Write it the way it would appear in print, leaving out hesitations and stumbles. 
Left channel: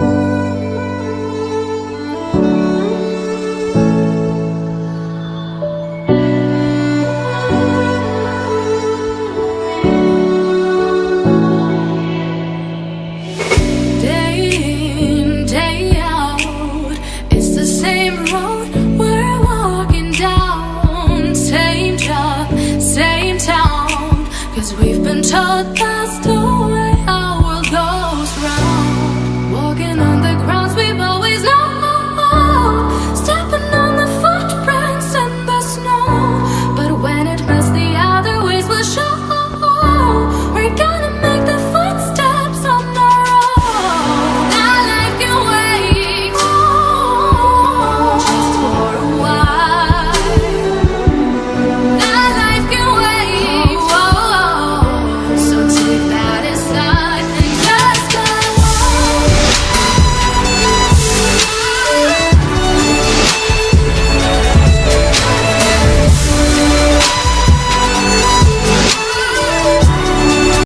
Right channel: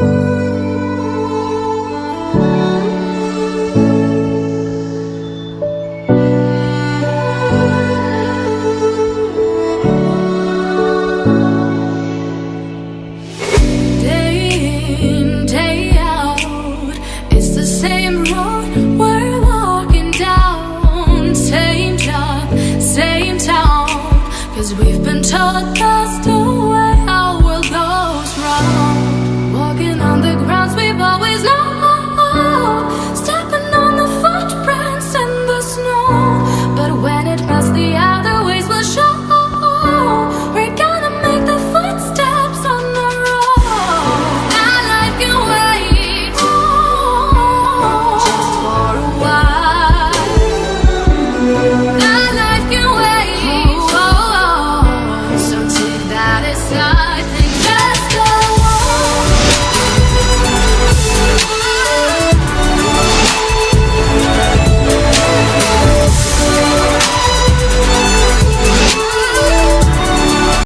Day in, day out, it's the same road we're walking down. Same job, same town, 'cause we've been told that's the way our world goes round. Walking on the grounds we've always known, stepping on the footprints in the snow. But when it melts, the other ways will show.